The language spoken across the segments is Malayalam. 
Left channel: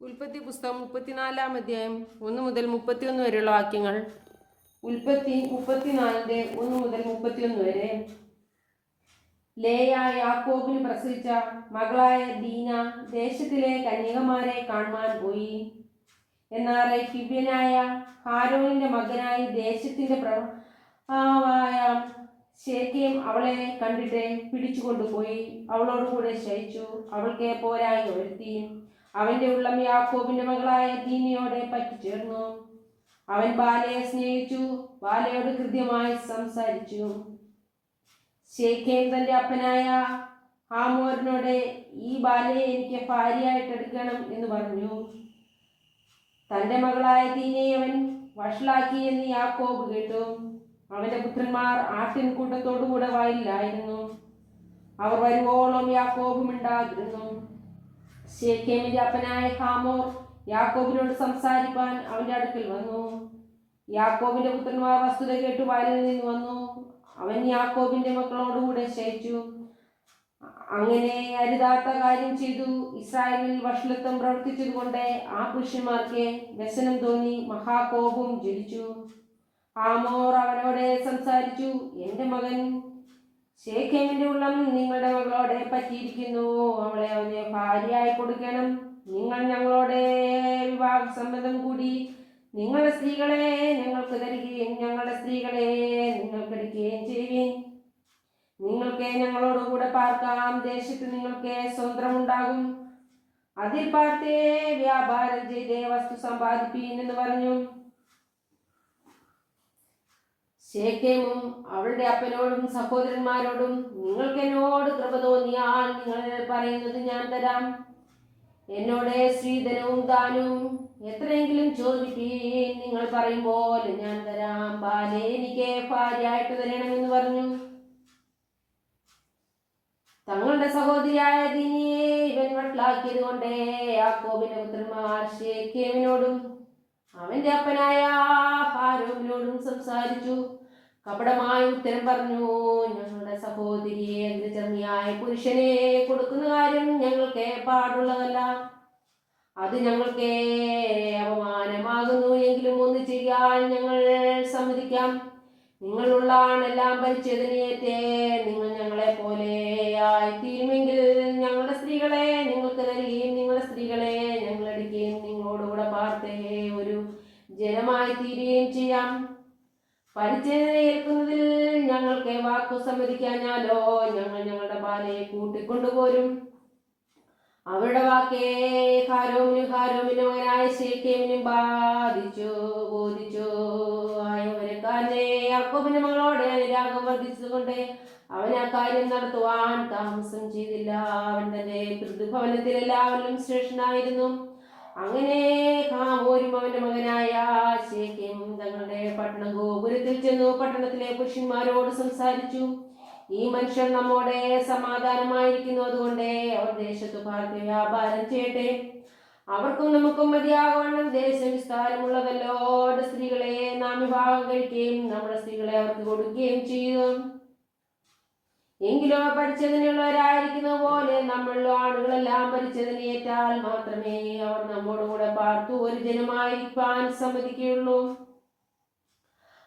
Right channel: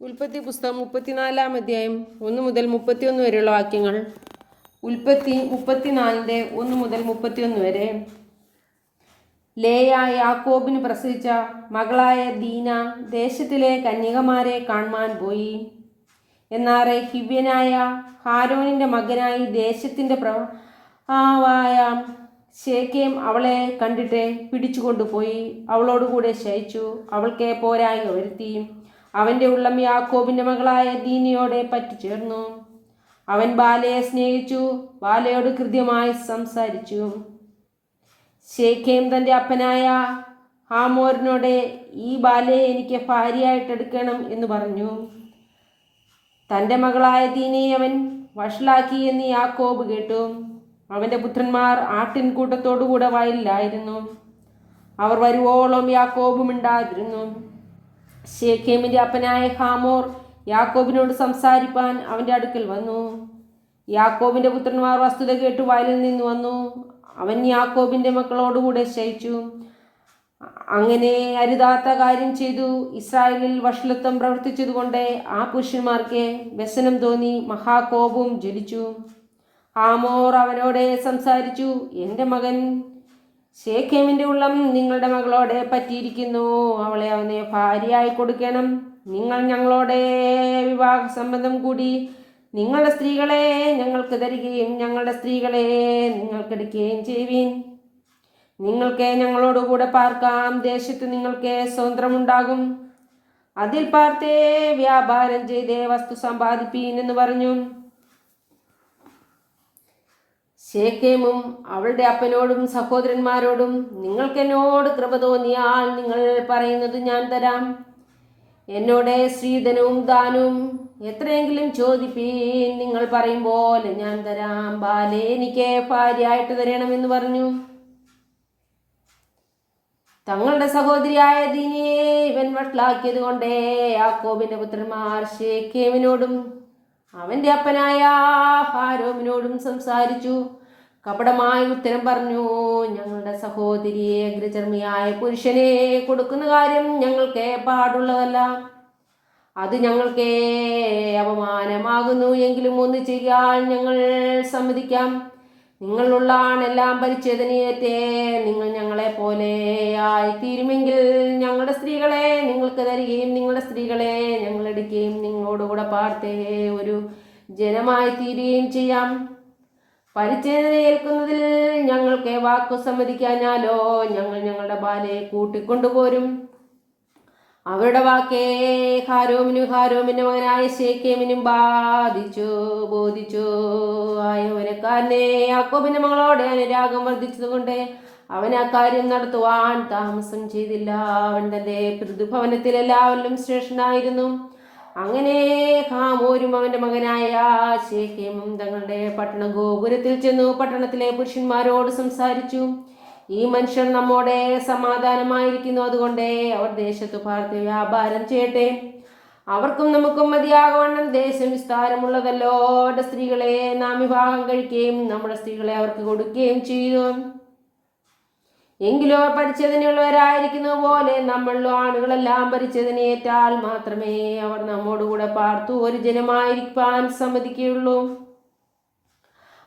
ഉൽപ്പത്തി പുസ്തകം 34-ാം അധ്യായം 1 മുതൽ 31 വരെയുള്ള വാക്യങ്ങൾ. ഉൽപ്പത്തി 34-1 മുതൽ 31 വരെ. ലേയ യാക്കോബിന് പ്രസവിച്ച മകളായ ദീന ദേശത്തിലെ കന്യകമാരെ കാണുവാൻ പോയി. എന്നാറെ ഹിവ്യനായ ഹാരോനിന്റെ മകനായി ദേശത്തിന്റെ പ്രഭുവായ ശേഖേം അവളെ കണ്ടിട്ട് പിടിച്ചുകൊണ്ടുപോയി അവളോടുകൂടെ ശയിച്ചു. അവൾക്ക് പോരായ്മ വരുത്തി. അവന്റെ ഉള്ളം യാക്കോബിന്റെ മകളായ ദീനയോടെ പറ്റിച്ചേർന്നു. അവൻ ബാലയെ സ്നേഹിച്ചു, ബാലയോട് കൃത്യമായി സംസാരിച്ചു. ശേഖേം തന്റെ അപ്പനായ ഹാമോരിനോട് ഈ ബാലയെ എനിക്ക് ഭാര്യയായിട്ടെടുക്കണം എന്ന് പറഞ്ഞു. തന്റെ മകളായ ദീനയെ അവൻ വഷളാക്കി എന്ന് യാക്കോബ് കേട്ടു. അവന്റെ പുത്രന്മാർ ആട്ടിൻകൂട്ടത്തോടുകൂടെ വയലിലായിരുന്നു. അവർ വരുവോളം യാക്കോബ് മിണ്ടാതിരുന്നു. ശേഖേമിന്റെ അപ്പനായ ഹാമോർ യാക്കോബിനോട് സംസാരിപ്പാൻ അവന്റെ അടുക്കൽ വന്നു. യാക്കോബിന്റെ പുത്രന്മാർ വസ്തുത കേട്ടു വയലിൽ നിന്ന് വന്നു. അവൻ യാക്കോബിന്റെ മക്കളോടുകൂടെ ശയിച്ചു. അങ്ങനെ അരുതാത്ത കാര്യം ചെയ്തു ഇസ്രായേലിൽ വഷളത്വം പ്രവർത്തിച്ചതുകൊണ്ട് ആ പുരുഷന്മാർക്ക് വ്യസനം തോന്നി, മഹാകോപവും ജ്വലിച്ചു. ഹാമോർ അവനോട് സംസാരിച്ചു, എൻ്റെ മകൻ ശേഖേമിന്റെ ഉള്ളം നിങ്ങളുടെ മകളോടെ പറ്റിയിരിക്കുന്നു. അവളെ അവനെ ഭാര്യയായി കൊടുക്കണം. നിങ്ങൾ ഞങ്ങളോടെ വിവാഹ സംബന്ധം കൂടി നിങ്ങളുടെ സ്ത്രീകളെ ഞങ്ങൾക്ക് തരികയും ഞങ്ങളുടെ സ്ത്രീകളെ നിങ്ങൾക്കെടുക്കുകയും ചെയ്യുവിൻ. നിങ്ങൾക്ക് ഞങ്ങളോടുകൂടെ പാർക്കാം. ദേശത്ത് നിങ്ങൾക്ക് സ്വതന്ത്രമുണ്ടാകും. അതിൽ പാർത്തേ വ്യാപാരം ചെയ്തേ വസ്തു സമ്പാദിപ്പീൻ എന്ന് പറഞ്ഞു. ശേഖേമും അവളുടെ അപ്പനോടും സഹോദരന്മാരോടും, നിങ്ങൾക്ക് എന്നോട് കൃപ തോന്നിയാൽ നിങ്ങൾ പറയുന്നത് ഞാൻ തരാം. എന്നോട് സ്ത്രീധനവും ദാനവും എത്രയെങ്കിലും ചോദിപ്പീൻ. നിങ്ങൾ പറയും പോലെ ഞാൻ തരാം. ബാലെ എനിക്ക് ഭാര്യയായിട്ട് തരണമെന്ന് പറഞ്ഞു. തങ്ങളുടെ സഹോദരിയായ ദീനയെ ഇവൻ വഷളാക്കിയത് കൊണ്ട് യാക്കോബിന്റെ പുത്രന്മാർ ശേഖേമിനോടും അവന്റെ അപ്പനായ ഹാരോമിനോടും സംസാരിച്ചു. കപടമായ ഉത്തരം പറഞ്ഞു, ഞങ്ങളുടെ സഹോദരിയെ അഗ്രചർമ്മിയായ പുരുഷനെ കൊടുക്കുന്ന കാര്യം ഞങ്ങൾക്ക് പാടുള്ളതല്ല. അത് ഞങ്ങൾക്ക് അപമാനമാകുന്നു. എങ്കിലും ഒന്ന് ചെയ്യാൻ ഞങ്ങൾ സമ്മതിക്കാം. നിങ്ങളുള്ള ആണെല്ലാം പരിച്ഛേദനയേറ്റേ നിങ്ങൾ ഞങ്ങളെ പോലെ ആയിത്തീരുമെങ്കിൽ ഞങ്ങളുടെ സ്ത്രീകളെ നിങ്ങൾക്ക് തരികയും നിങ്ങളുടെ സ്ത്രീകളെ ഞങ്ങളെടുക്കുകയും നിങ്ങളോടുകൂടെ പാർത്തേ ഒരു ജനമായി തീരുകയും ചെയ്യാം. പരിച്ഛേദന ഏൽക്കുന്നതിൽ ഞങ്ങൾക്ക് വാക്കു സമ്മതിക്കാഞ്ഞാലോ ഞങ്ങൾ ഞങ്ങളുടെ ബാലയെ കൂട്ടിക്കൊണ്ടുപോരും. അവരുടെ വാക്കേ ഹാരോമിന്റെ മകനായ ശേഖേമിനും ബോധിച്ചു. ആയോനക്കാരനെ യാക്കോബിന്റെ മകളോട് അനുരാഗം വർദ്ധിച്ചതുകൊണ്ട് അവൻ ആ കാര്യം നടത്തുവാൻ താമസം ചെയ്തില്ല. അവൻ തന്റെ പിതൃഭവനത്തിൽ എല്ലാവരിലും ശ്രേഷ്ഠനായിരുന്നു. അങ്ങനെ ഹാമോരും അവന്റെ മകനായ ശേഖേമും തങ്ങളുടെ പട്ടണ ഗോപുരത്തിൽ ചെന്നു പട്ടണത്തിലെ പുരുഷന്മാരോട് സംസാരിച്ചു. ഈ മനുഷ്യൻ നമ്മോടെ സമാധാനമായിരിക്കുന്നു. അതുകൊണ്ട് അവർ ദേശത്തു പാർത്ത് വ്യാപാരം ചെയ്യട്ടെ. അവർക്കും നമുക്കും മതിയാകവണ്ണം ദേശം വിസ്താരമുള്ളതല്ലോ. അവരുടെ സ്ത്രീകളെ നാം വിവാഹം കഴിക്കുകയും നമ്മുടെ സ്ത്രീകളെ അവർക്ക് കൊടുക്കുകയും ചെയ്തു. എങ്കിലോ പരിച്ഛേദനയുള്ളവരായിരിക്കുന്നത് പോലെ നമ്മളിലോ ആണുങ്ങളെല്ലാം പരിച്ഛേദനയേറ്റാൽ മാത്രമേ അവർ നമ്മോടുകൂടെ പാർത്തു ഒരു ജനമായിരിക്കാൻ സമ്മതിക്കുകയുള്ളൂ.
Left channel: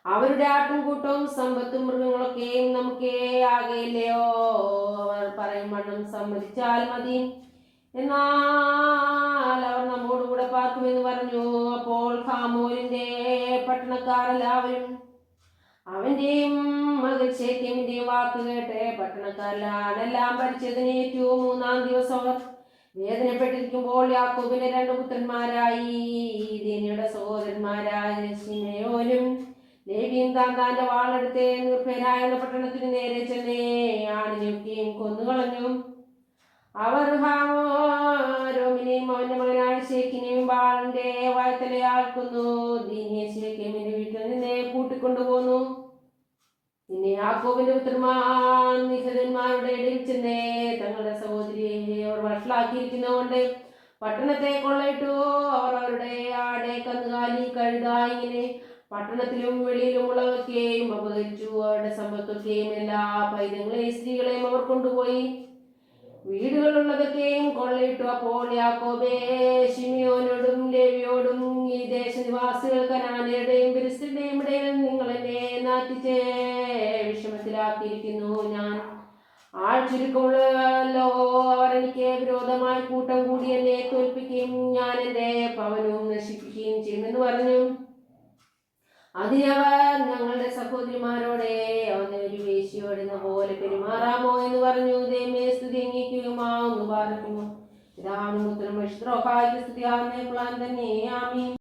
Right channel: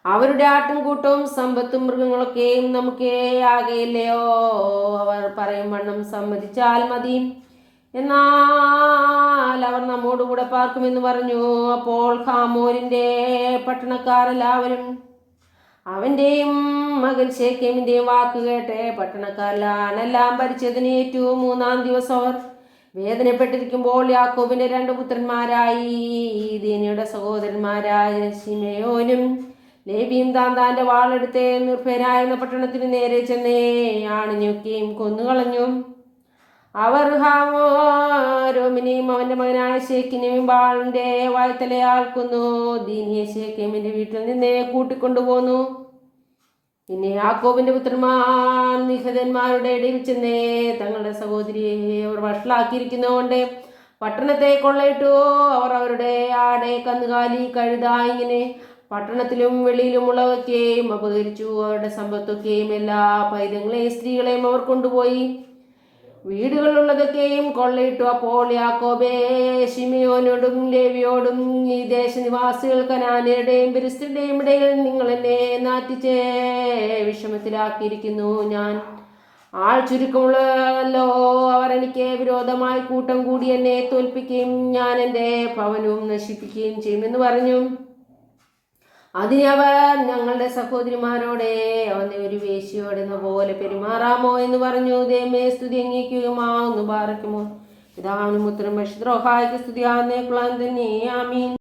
അവരുടെ ആട്ടിൻകൂട്ടവും സമ്പത്തും മൃഗങ്ങളൊക്കെയും നമുക്കേ ആകെയില്ലയോ? അവർ പറയും വണ്ണം സമ്മതിച്ചാൽ മതി. എന്നാൽ അവർ നമ്മോടുകൂടെ പാർക്കുമെന്ന് പറഞ്ഞു. അപ്പോൾ ഹാമോരിന്റെ പട്ടണക്കാരെല്ലാവരും അവന്റെയും മകൻ ശേഖേമിന്റെയും വാക്ക് കേട്ട് പട്ടണക്കാരെല്ലാം പരിച്ഛേദനയേറ്റു. 3-ാം ദിവസം അവർ വേദനപ്പെട്ടിരിക്കുമ്പോൾ യാക്കോബിന്റെ 2 പുത്രന്മാരായി ദീനയുടെ സഹോദരന്മാരായ ശിമയോനും ലേവിയും താന്താന്റെ വാളെടുത്ത് നിർഭയരായിരുന്ന പട്ടണത്തിന് നേരെ ചെന്നേ ആണിഞ്ഞൊക്കെയും കൊന്നുകളഞ്ഞു. അവർ ഹാമോരോമിനെയും അവന്റെ മകനായ ശേഖിനെയും വാളിന്റെ വായ്ത്തലയാൽ കൊന്നു. ദീനിയെ ശേഖേമിന്റെ വീട്ടിൽ നിന്ന് കൂട്ടിക്കൊണ്ടുപോന്നു. പിന്നെ യാക്കോബിന്റെ പുത്രന്മാർ നിഹതന്മാരുടെ ഇടയിൽ ചെന്നേ തങ്ങളുടെ സഹോദരിയെ അവർ വഷളാക്കിയിരിക്കുന്നതുകൊണ്ട് പട്ടണത്തെ കൊള്ളയിട്ടു. അവർ അവരുടെ ആടെ, കന്നുകാലി, കഴുത ഇങ്ങനെ പട്ടണത്തിലും വെളിയിലുമുള്ളവയ്ക്കെയും അപഹരിച്ചു. അവരുടെ സമ്പത്തൊക്കെയും എല്ലാ പൈതങ്ങളെയും സ്ത്രീകളെയും അവർ കൊണ്ടുപോയി. വീടുകളുള്ളതൊക്കെയും കൊള്ളയിട്ടു. അപ്പോൾ യാക്കോബേ ശിമിയോനോടും ലേവിയോടും, ഈ ദേശനിവാസികൾ കനാന്യരുടെയും പെരിസ്ത്യരുടെയും ഇടയിൽ നിങ്ങൾ എന്നെ നാറ്റിച്ച് വിഷമത്തിലാക്കിയിരിക്കുന്നു. ഞാൻ ആൾ ചുരുക്കമുള്ളല്ലോ. അവർ എനിക്ക് വിരോധമായി കൂട്ടം കൂടി എന്നെ തോൽപ്പിക്കുകയും ഞാൻ എൻ്റെ ഭവനവും നശിപ്പിക്കുകയും ചെയ്യുമെന്ന് പറഞ്ഞു. അതിന് അവർ, ഞങ്ങളുടെ സഹോദരിമാരോടെ അവനെ ഒരു വേശ്യയോടെന്ന പോലെ പെരുമാറാമോ എന്ന് പറഞ്ഞു. ദൈവമേ സ്തുതി അംഗീകരിക്കുമാവുന്നു. പാറയ്ക്കുമോ പിതാവിനും പുത്രനും പരിശുദ്ധ റൂഹായ്ക്കും സ്തുതിയാകുന്നേക്കുള്ള തന്നെ. ആമീൻ.